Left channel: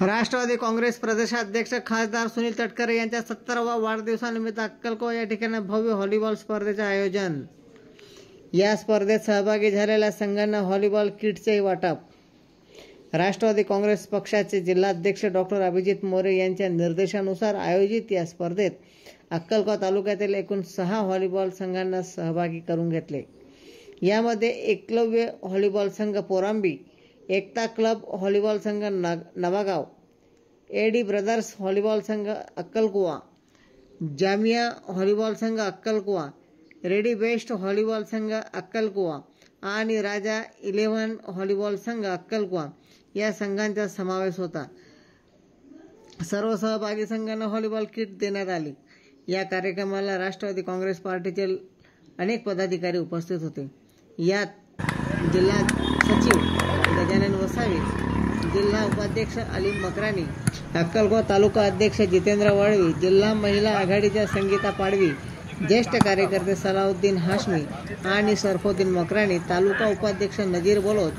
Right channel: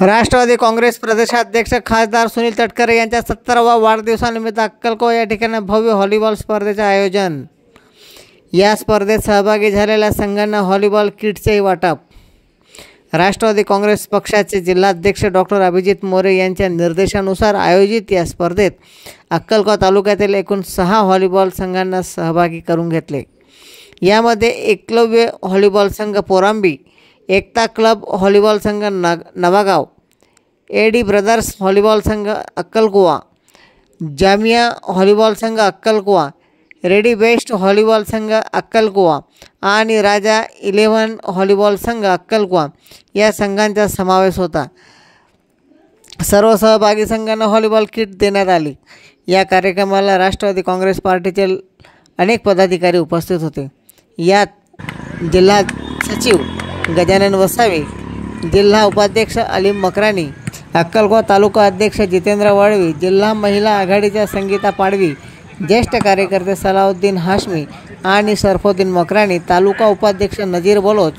राष्ट्रवादी काँग्रेस प्रदेशाध्यक्ष खासदार सुनील तटकरे यांच्या 70वा वाढदिवसानिमित्त अक्कलकोवा या ठिकाणी भव्य व्हॉलीबॉल स्पर्धेचे आयोजन। या स्पर्धेत सहभागी झालेल्या संघांना व्हॉलीबॉल किटचेही वाटप। राष्ट्रवादी काँग्रेस पक्षाचे जिल्हाध्यक्ष डॉक्टर अभिजित मोरे यांच्या निर्देशानुसार आयोजित या स्पर्धेत अक्कलकोवा तालुक्यातील एकूण 6 व्हॉलीबॉल संघांना सहभागी करून घेतले। यामध्ये एकलव्य व्हॉलीबॉल संघ पोरांबी, एकता क्लब व्हॉलीबॉल संघ नवागाव, एडी ब्रदर्स व्हॉलीबॉल संघ अक्कलकोवा, जामिया व्हॉलीबॉल संघ अक्कलकोवा, रेडी बेस्ट व्हॉलीबॉल संघ अक्कलकोवा आणि राजा 11 व्हॉलीबॉल संघ अक्कलकोवा या संघांचा समावेश होता। सर्व सहभागी संघांना व्हॉलीबॉल किट देण्यात आली। या कार्यक्रमाला राष्ट्रवादी काँग्रेस पार्टीचे अनेक पदाधिकारी उपस्थित होते। यात जिल्हा सचिव गजानन वसावे, जिल्हा उपाध्यक्ष अलीम मकरानी, अक्कलकोवा तालुका अध्यक्ष जितेंद्र वळवी, जिल्हा महिला आघाडीच्या संगीता पाडवी, ज्येष्ठ कार्यकर्ते सलाउद्दीन हाशमी आणि सरफुद्दीन मकरानी, तालुका उपाध्यक्ष नजीर बलोच,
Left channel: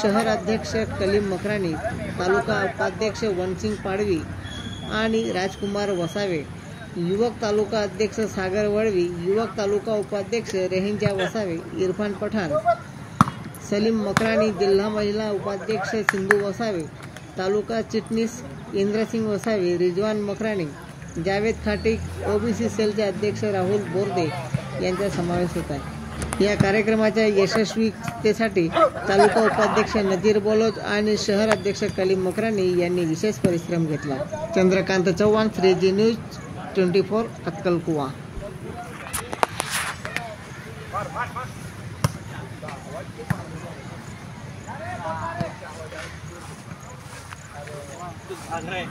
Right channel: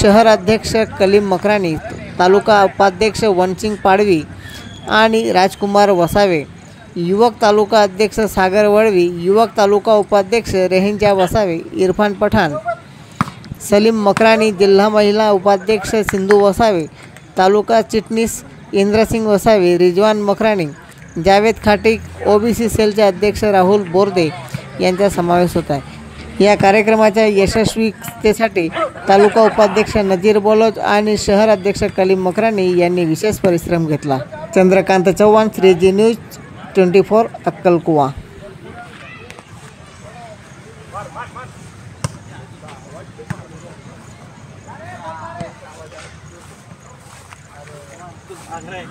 शहर अध्यक्ष कलीम मकरानी, तालुका उपाध्यक्ष वनसिंग पाडवी आणि राजकुमार वसावे, युवक तालुका अध्यक्ष सागर वळवी, युवक तालुका उपाध्यक्ष रेहंजा वसावे, इरफान पठाण, सलीम मकरानी, जिल्हा महिला उपाध्यक्ष सिंधू वसावे, तालुका चिटणीस इंद्रसिंग वसावे, रिजवान मकरानी, जावेद खाटिक, ओबीसी सेलचे अध्यक्ष राहुल बोर्दे यांचा समावेश होता। या कार्यक्रमाच्या यशस्वीतेसाठी तालुका उपाध्यक्ष नजीर बलोच आणि शहर अध्यक्ष कलीम मकरानी यांनी विशेष परिश्रम घेतला। Chandrakant Chavan, 3G news 24 अक्कलकोवा। अरे